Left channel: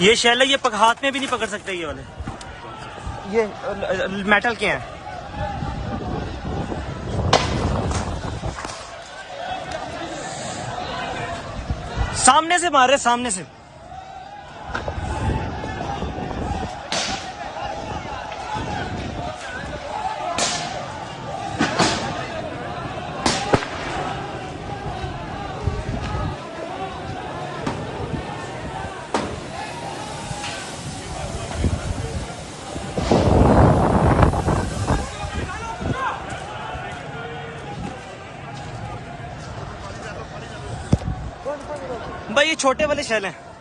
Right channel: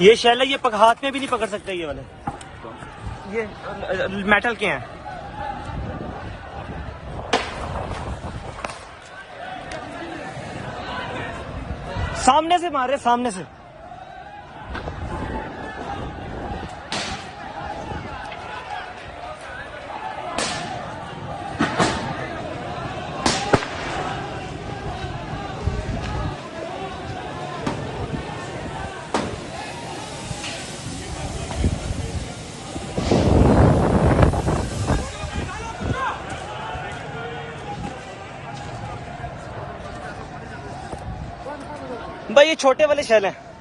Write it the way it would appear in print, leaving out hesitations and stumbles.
ये शेल है, ये हाथ में भी नहीं पकड़ सकते ये वाले, ये मेटल के हैं। सामने से मार रहे, सामने से। भाई ये छोटे वाले शेल हैं।